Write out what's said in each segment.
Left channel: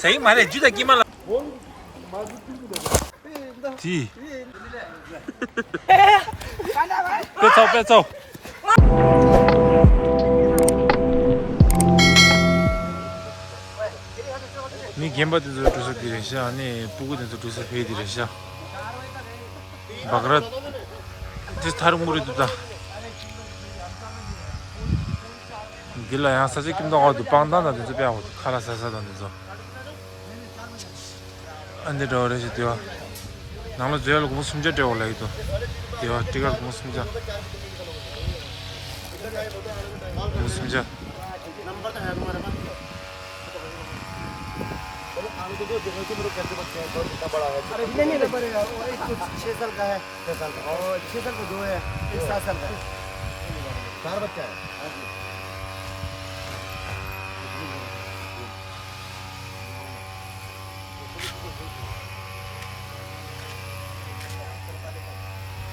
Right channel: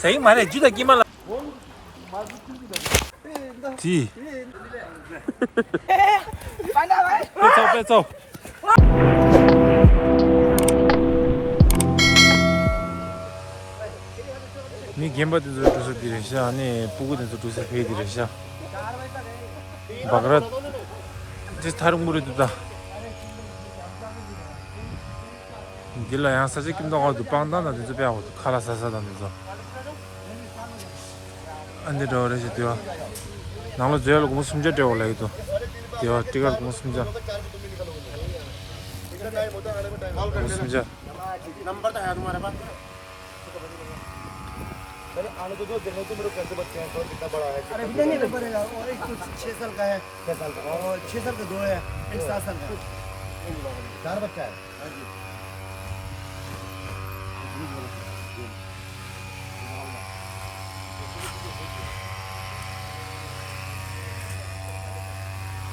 सही मारे जुदा किमाला जी 빼쳐 미 gem바도 두서 디르샤 아니 부고도 두서 페이 디르샤 바그라 제 다른 무리도다 길라 양 사지 김동아도 빵단다 저 배하고 카라사사단데서 안데 저래지도 나로 제일 고 숨져 되어 올라이도 요 띠가 고 숨져 숨져 नंबर तो है तुम्हारे पास चलो आने तो दो देखो तो मेरे कैसे बच्चे हैं कौन कितना बड़ा है अरे नहीं नंबर है और एक 6 साल का है 6 साल का और 6 साल का दो है एक 7 साल का 4 बच्चा है हां जी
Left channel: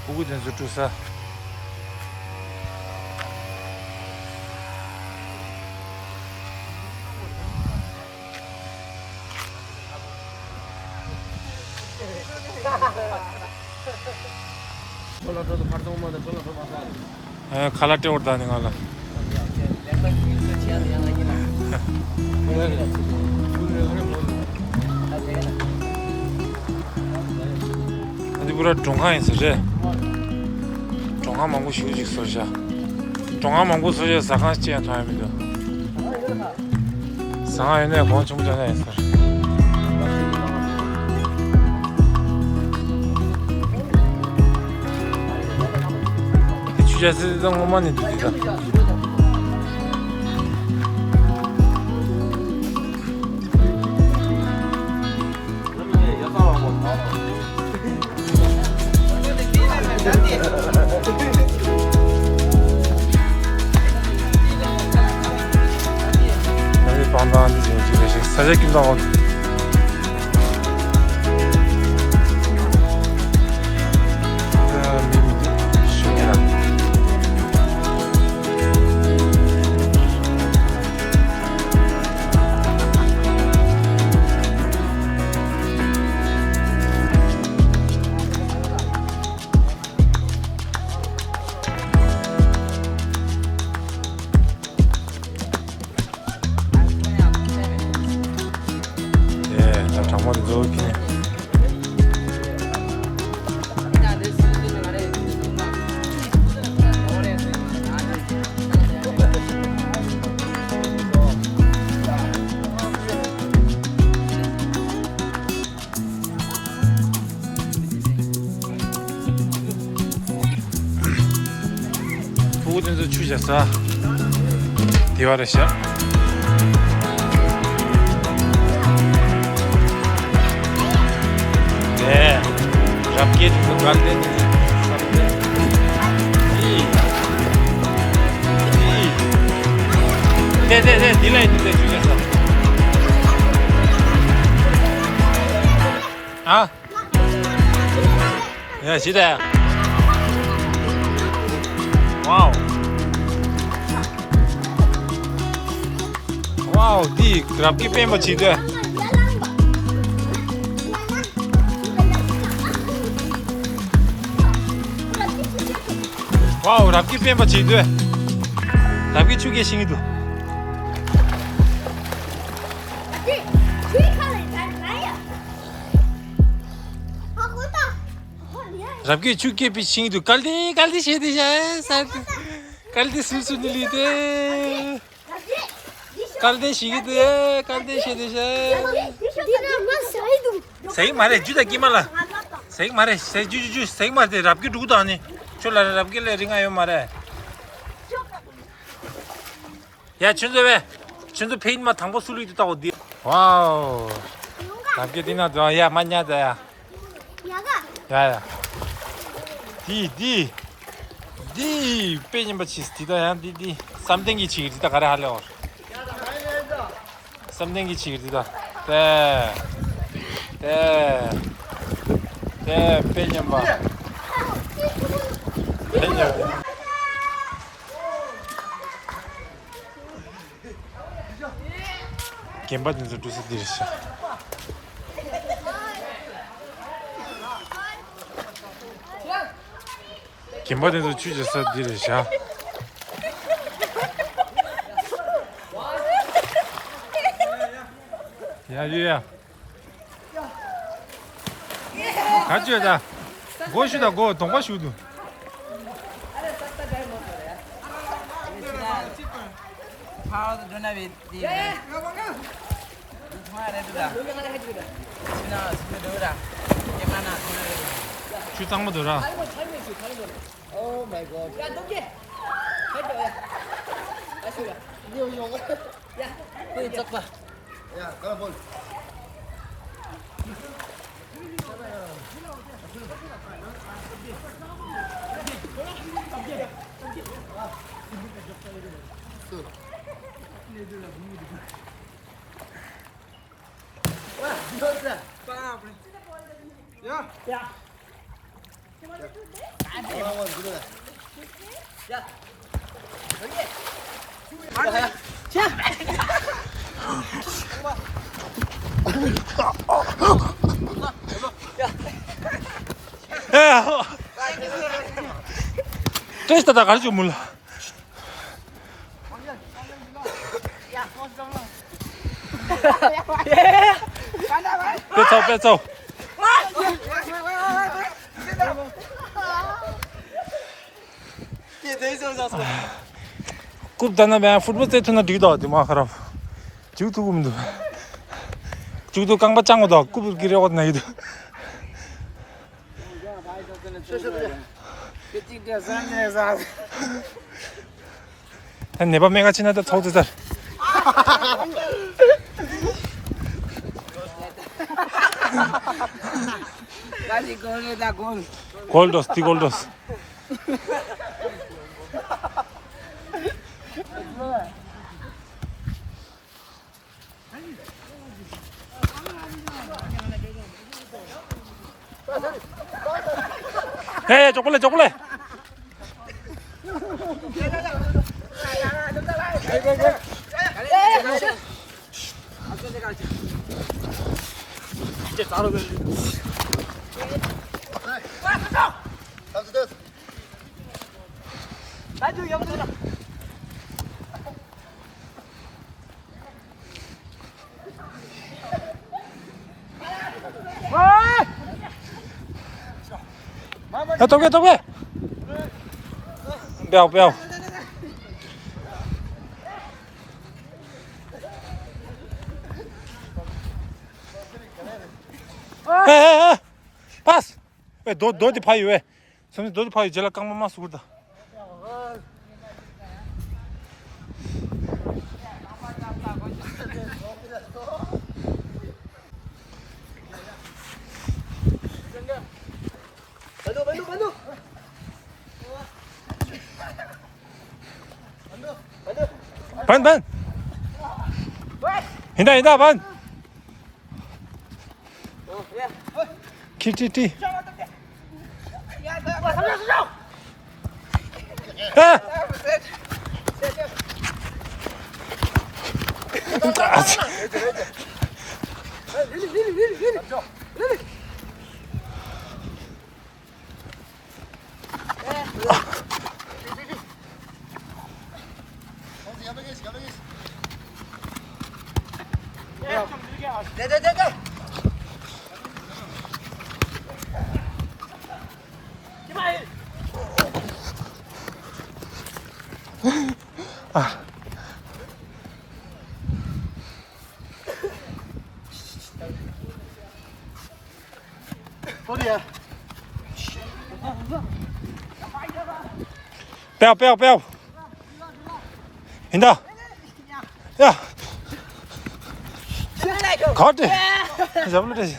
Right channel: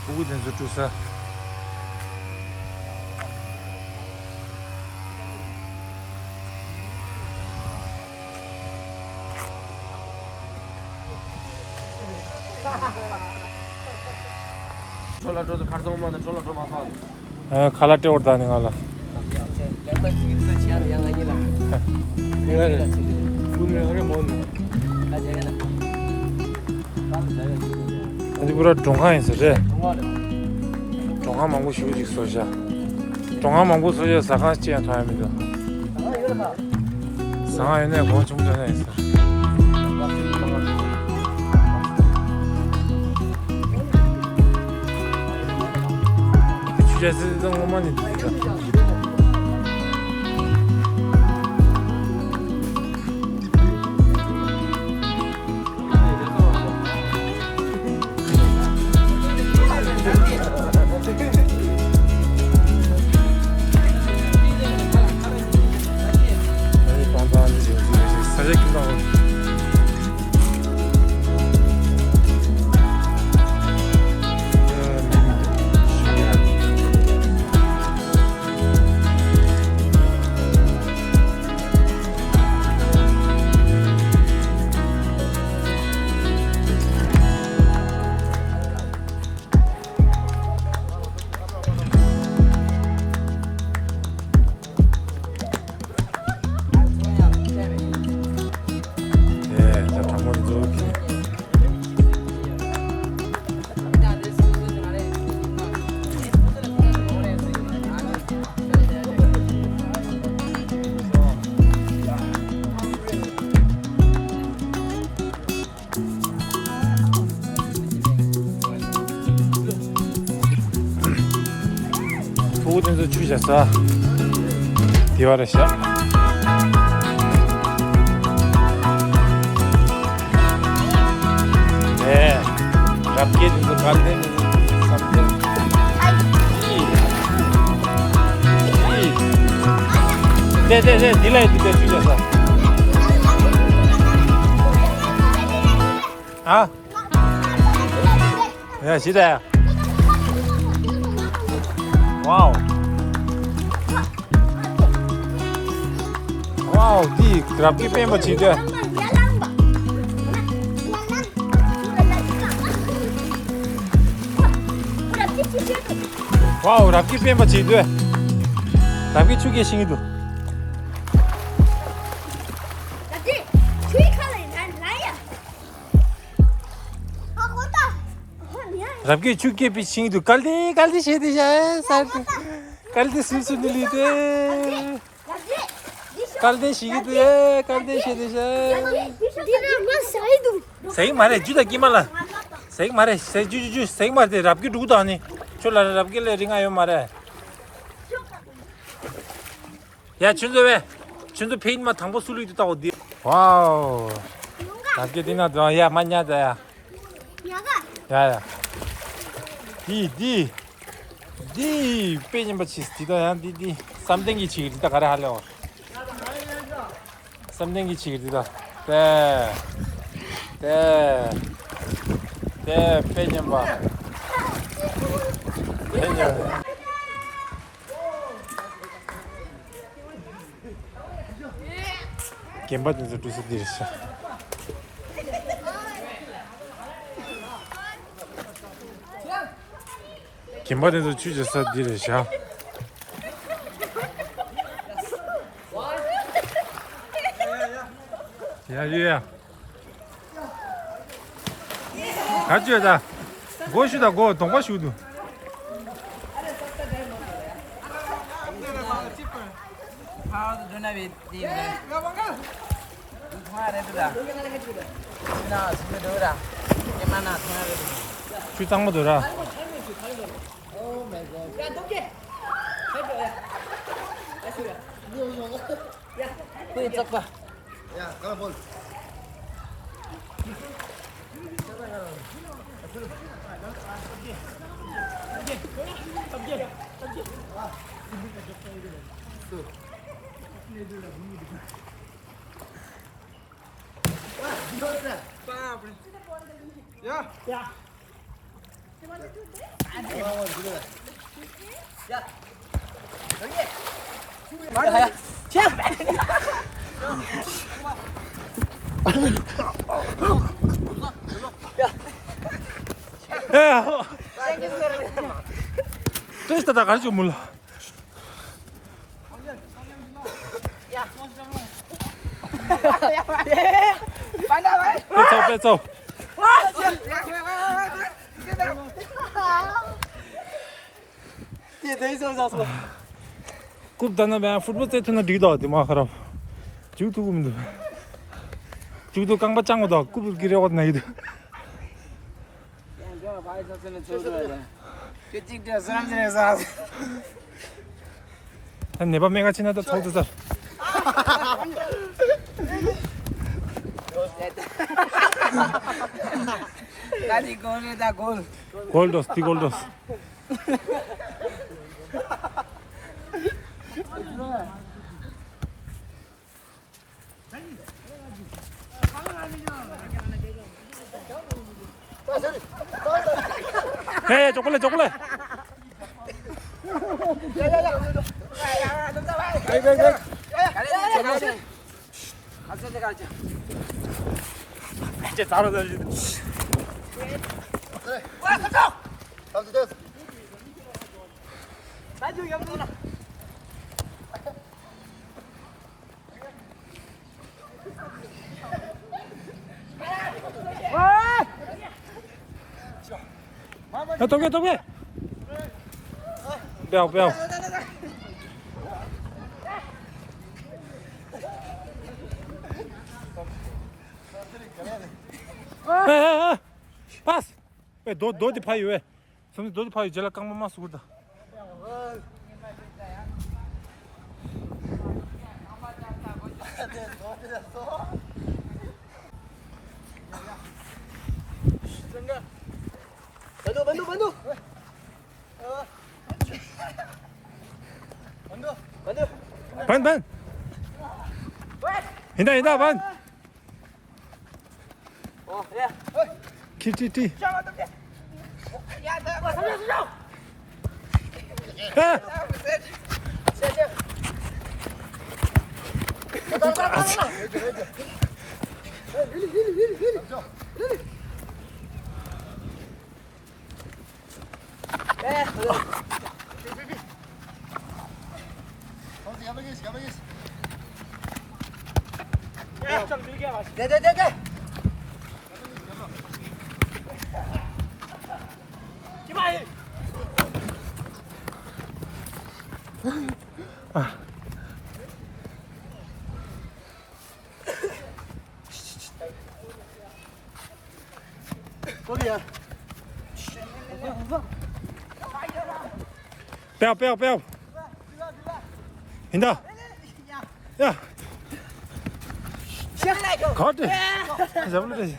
보고 된 저쪽사 चलो तो खर्च में मत चलो फिर मसाला 아 칼라테 오르다는 거라 어디 보라 종하에서 제 종하 망고 시우직 소샤 종하 망고 소샤 사간시야 타임이도 상하이네 권총 전에 있어 주제 쓰던 것만 있다 사실 김동원 장모님 저기 보고전도 주셨어 디와르시야 네, 잡게 좀 갈대는 삼대. 네, 딜라인 때 주셔서. 아, 야, 시다야. 와우, 와우, 디 잡게 빼면 지대. 와우, 랍기 빼면 지도 랍기 추게 싱이도 랍기 추이 칼레 나야 아 고다 랍기 추게 비 싱이도 깔디 쉐디샤 사드 깔디 술술리데 깔디 시기데 깔디 쉐디샤 디나 마 사이도 सही मारे जुदा किमाला सही मारे सही जुजु सही मारते 랍기 누구도 아니 졸라 랍기래 링아요 말해 야 준도 왜 준도 페인마 당보 술리도 있다고 어디 와우 랍기 디나도 야 맞냐다 야 야가 야야 디 페인 바치 디다야 디 삼댕기 치기다 가래 하려고 삼댕기 치기다 때 빼좀 봐. 빼좀. gemba dentro do serviço. 김바대도 주제서 디르샤. 야, 유야. 같이 가자. 고시다, 고, 동바시우도. How do I do that? 주땅 먹어라. Oh my god. 야, 넘게. 해줘야. 아쉬워. 야, 그 잠깐. Ya, kalau bol. 야, 깨시다 나 가르쳐 몰라. 뺏어, 뺏어. 굽다나 매 futbol 세트나 뒤다 뭐 하라. 지우도 굽도. 지우도 깡바 짱고다 굽을 기려고 나이도. 한 네번 매가 지나다 터지다. 다시 골이다 골. 골도스, 디골도스. 해, 초콜릿, 초콜릿. 이제 바로 달리다. Kalau terus. 나도 영어 돌아. 야, 더게, 더게. 빼오, 빼오. 에, 파스. 왜, 너 어디 파이 왜? 선생 너 어디 파이 제일 깡만 마스 그러다. 만두. 반, 반. 이다, 반. 킬티티. 야, 너 살려줘. 아! 네네네네. 아. 어디야? 빼오. 인다. 야. 가대. 잡을래 되지.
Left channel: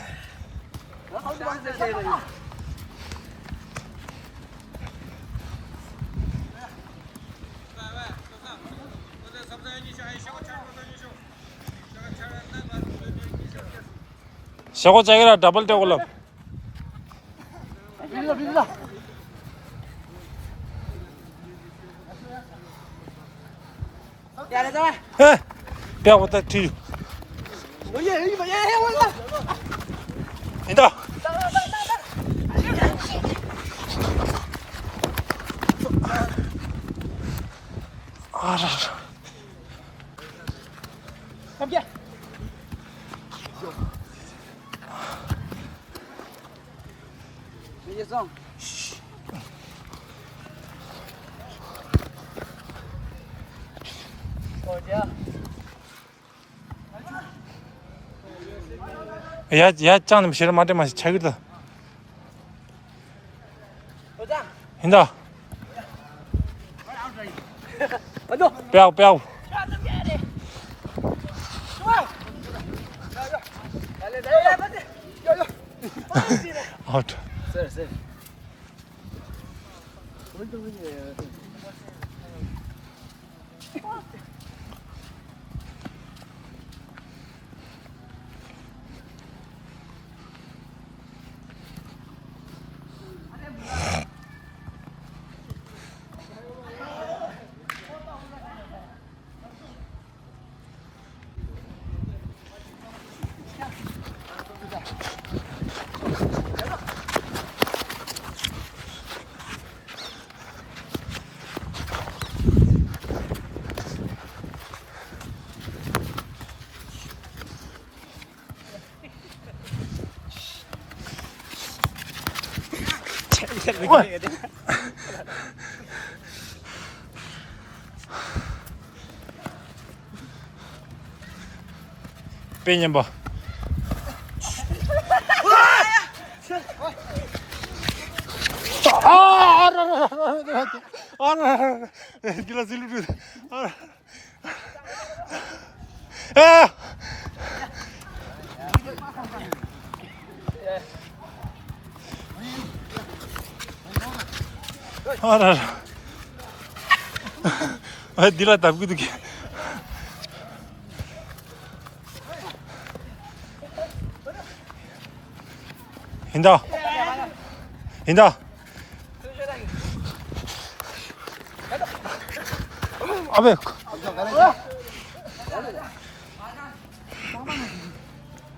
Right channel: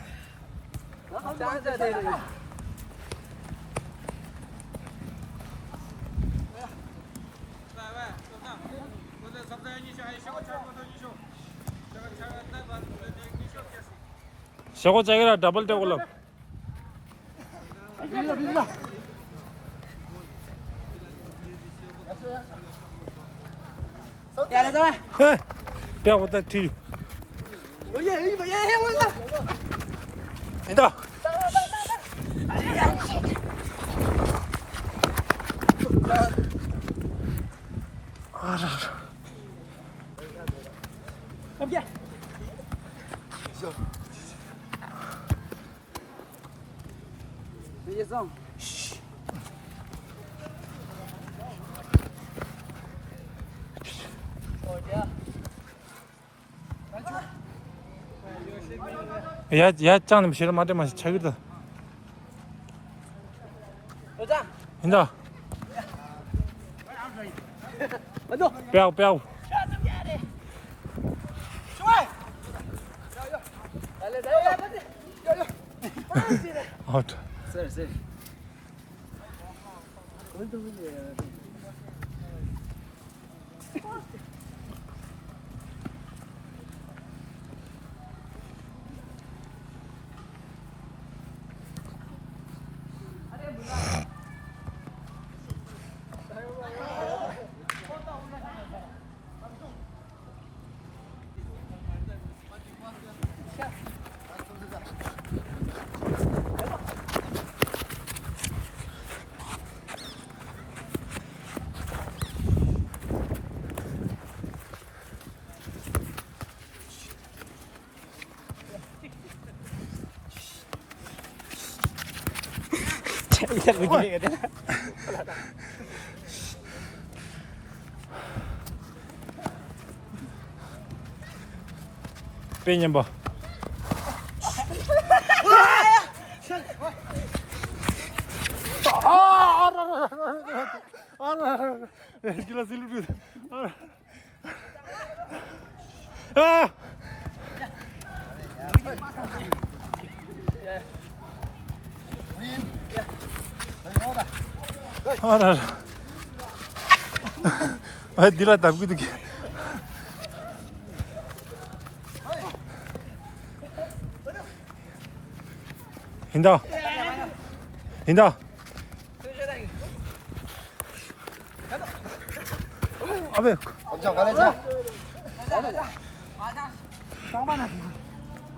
저거 자기라 더블 떼올라. 야, 내가. 에. 빼고다 뒤. 야, 온다. 인다. 이제성. 어디야? Ya canım bir şeyler madem çevirdi. 도장. Hinda. 만두. Bèo bèo. Out. 쎄. Benim bu. Gila silu. Dila tapi gitu. Hinda. Hinda. Abi.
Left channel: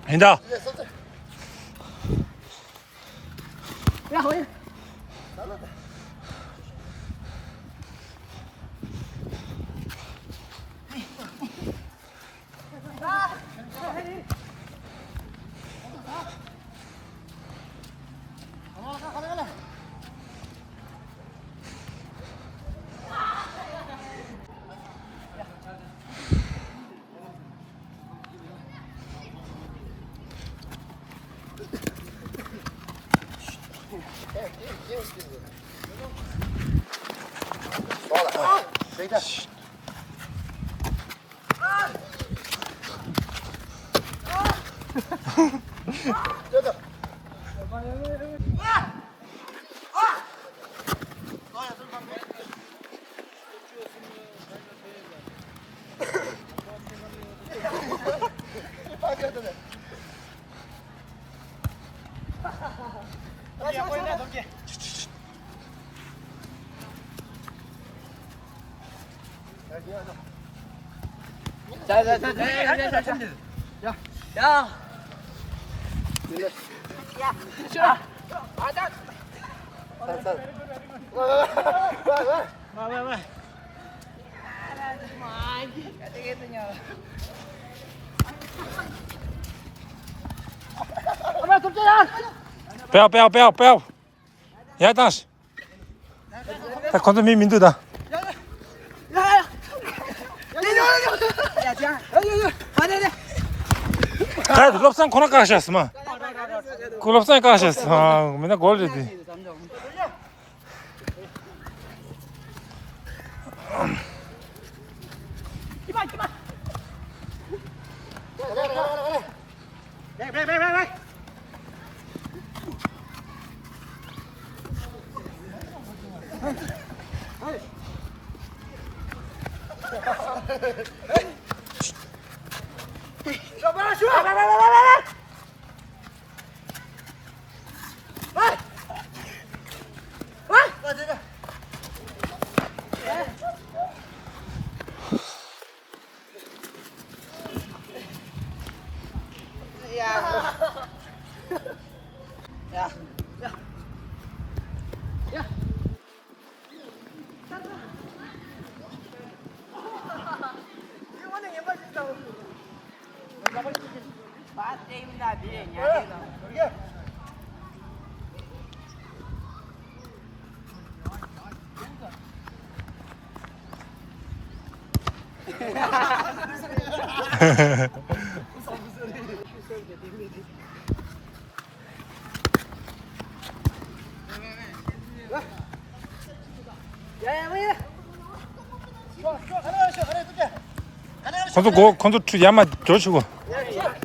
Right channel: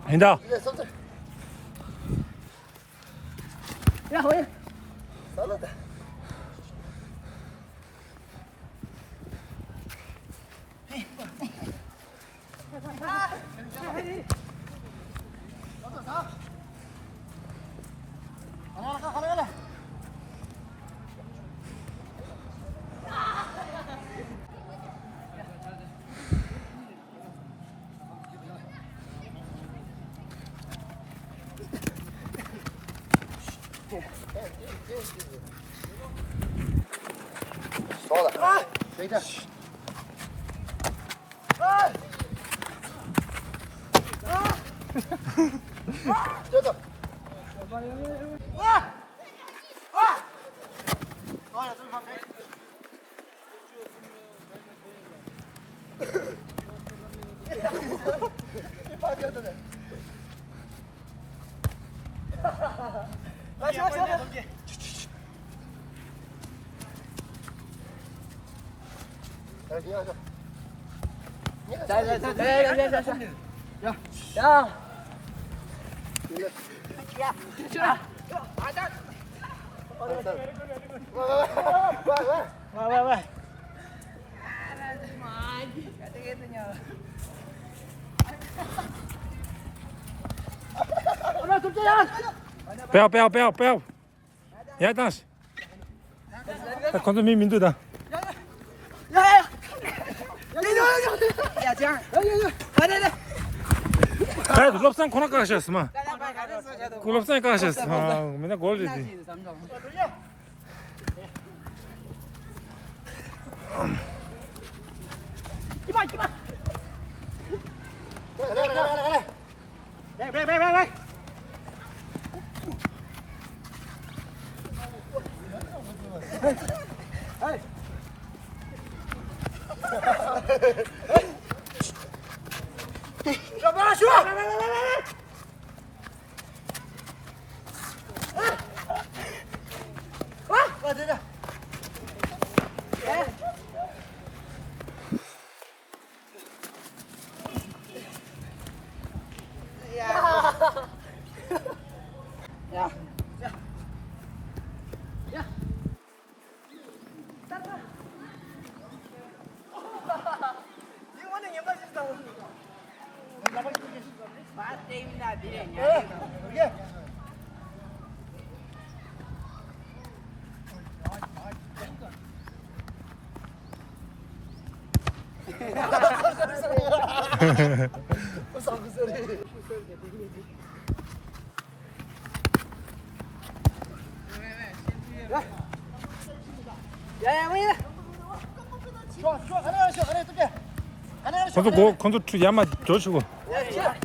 Hinda. 야, 거기. 자. 야. 와. Bèo. Ya dans. Ta konto mi mindu da. 야, 자. 여기. Kaydı lopsan konak karşıyasın ha. Lopsan karşıyasın. Ha, 맨날 gol dedi. 이봐. 네. 아, 게임이다, 뒤에. 건도 투 야마 조치고. 야.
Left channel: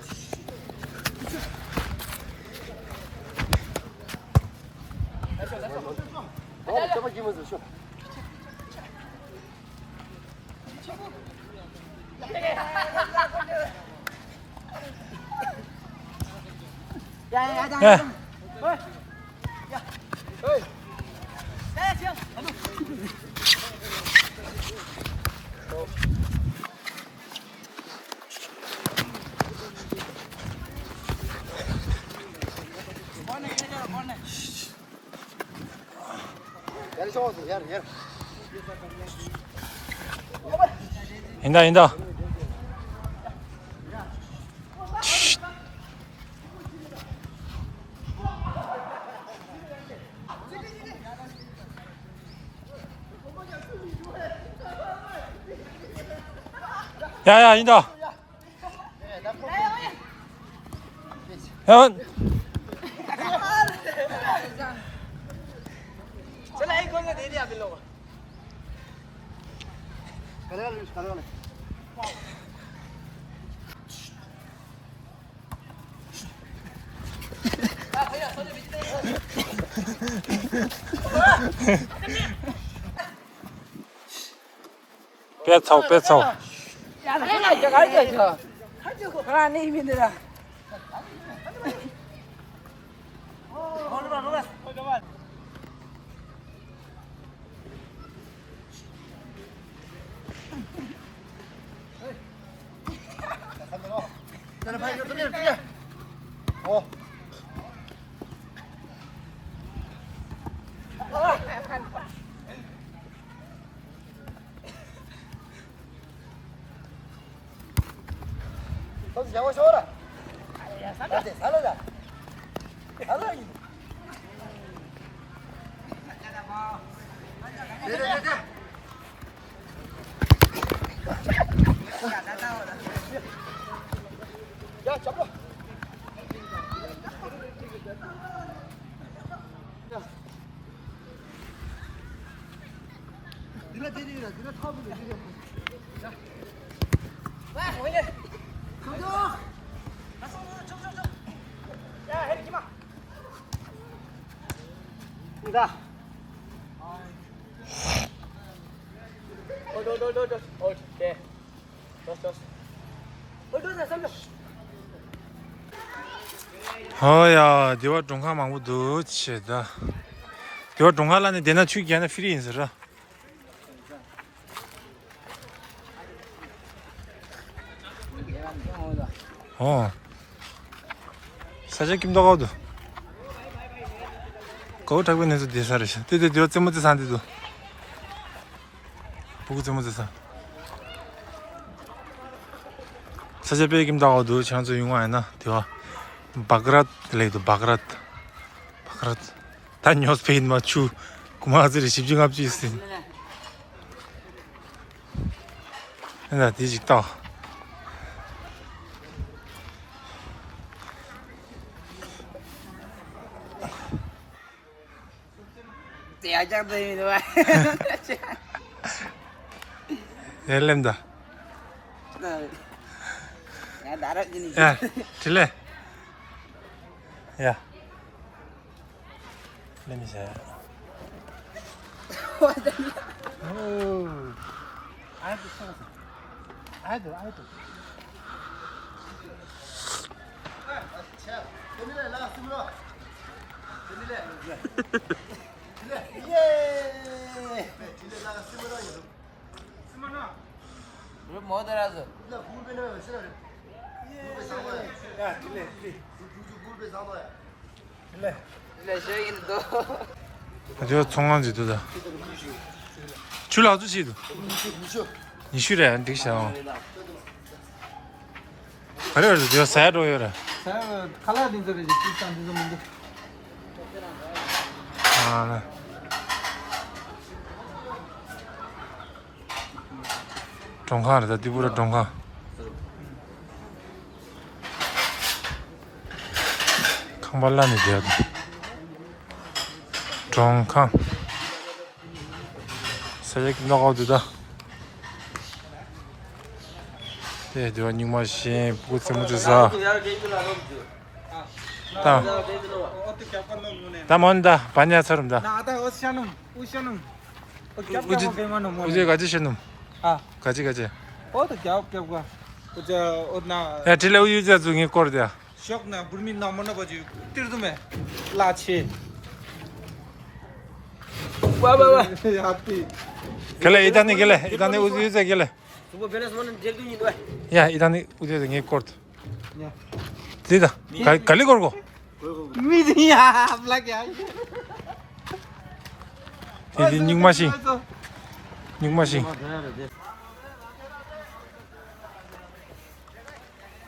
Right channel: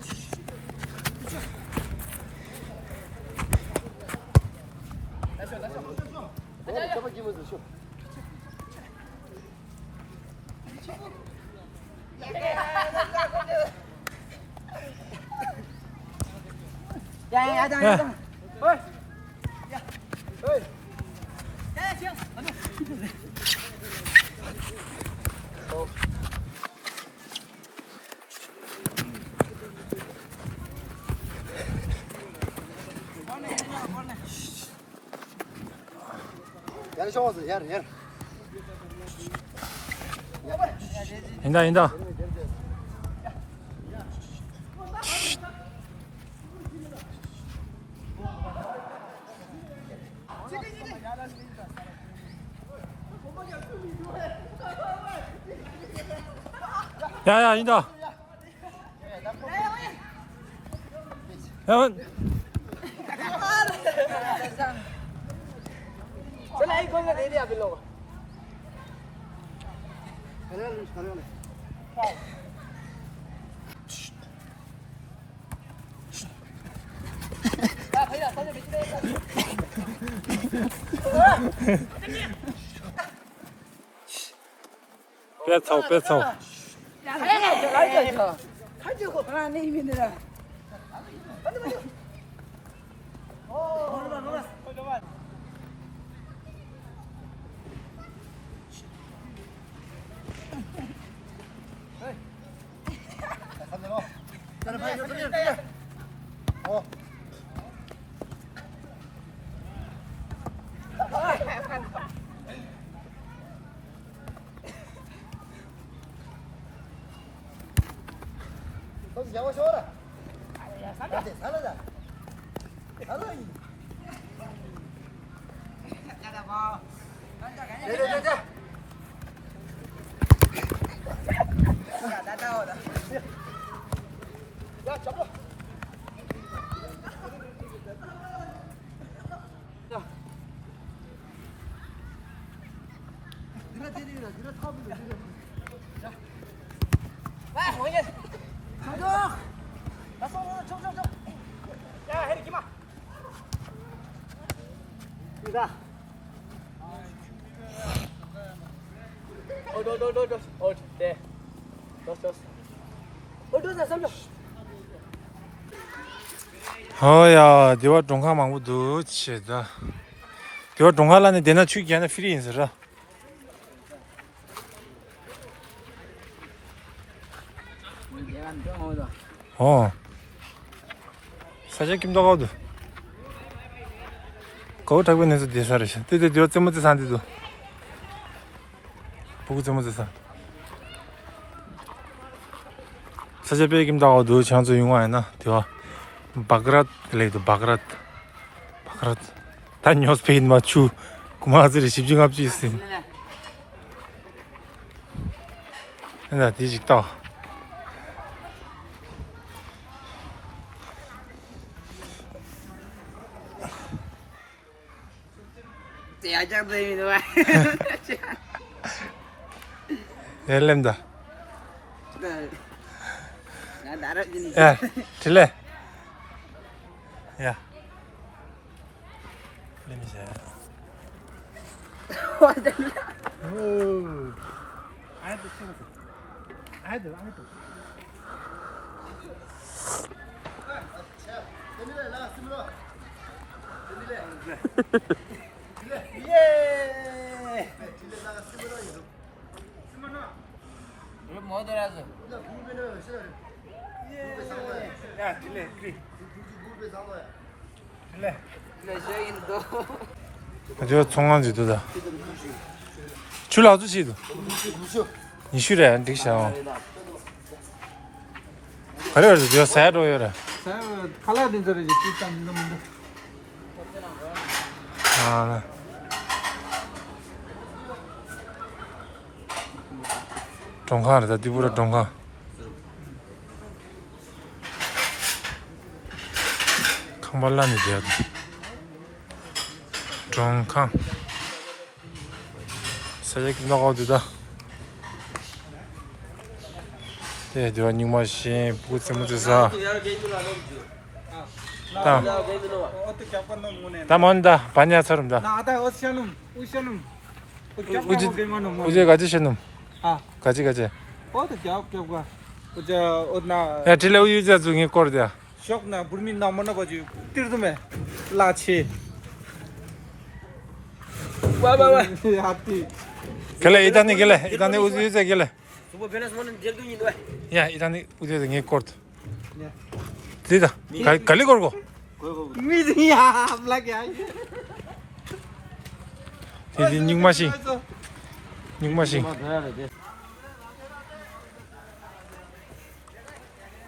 인다. 야야 인다. 현. चला एक गोल दे दिया बिल्लो को 뺏어. 야, 가자. 가지고 하나 이민들아. 어야, 네가 종가 망고 더 치다. 네가 종가라는 내나 추기 하나 필요 있어라. 사실 김도 가도. 거울 타고 있는서 대사르시. 근데 네가怎么도 산데도. 보고怎么도 산. 사실 배 김도 가도 장소 용화이나. 네가 바그랏 레이도 바그랏 단녀스 페인 맞추 고마즈리 집중합주 있으니 나 뒤직다 야장 되는 헬렘다 야 나라지니 야 들래 야 냄새 오 아이들 예. 이거 뭐 들어서 야 들래 들래 저 동안지도다 줄 아저씨도 니 쉬래 안 되겠어 그래 저 사이로요라 칼라 딘저지 일단 이거 먼저. 아 동하다 디부라 동하 캉발라니 돼야 돼 동하 사제기 나가오드다 네, 누가 닉마시 보고 세무드사 다 먼다 반야처럼다 나 아다 어시아놈. 우제 가지셔놈 아, 가지 어디 겹겹가. 어저 어나 야 딜레 우유자 중에 거르야 쇼크나 부르민 나 만나 가지. 띠르도메. 라치. 와와와. 하피. gelе 이단에 우유자 gelе 수고 변해서는 제일 더 야 이단에 우유자 중에 거르 네. 디다 갈리 걸고 미디야 블랙이야. 디 닉마시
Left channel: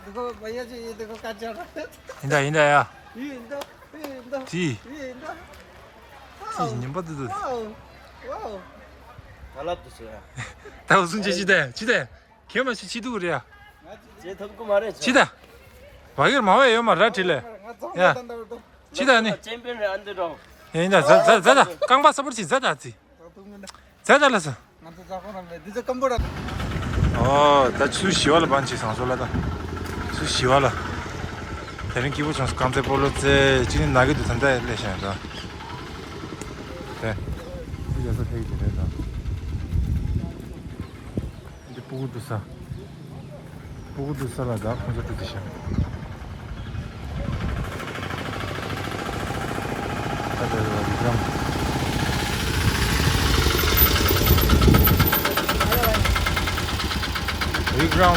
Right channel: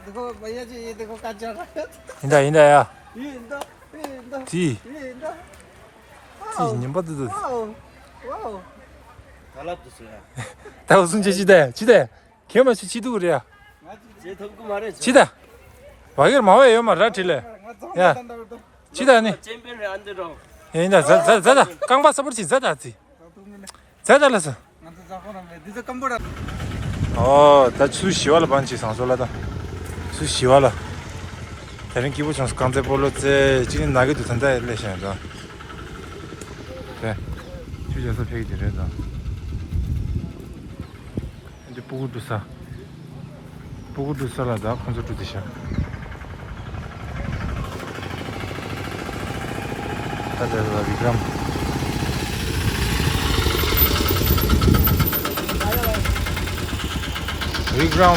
देखो भैया जी ये देखो का चल रहा है 인다야 ये इंदो 디 ये इंदो 님바드도 वाओ वाओ 갈라tus어요. 다 무슨 지대 개만시 지도 그래야 제 덕구 말해. 지다 와이걸 마와요 말라틸레 야 지다니 챔피언을 안 들어. 인다 자자 깡바 서버지 자자지 자자라서 나도 자고나 매 디저 컴보라 다 수시와라 반치 상sol라다 수시와라 다른 기부 장수 강제 볼로체 지금 나게도 된다 레션다 네 주저서 페이지 되다 이제 보고도 살아다 콘서트 드셔 다들 위그람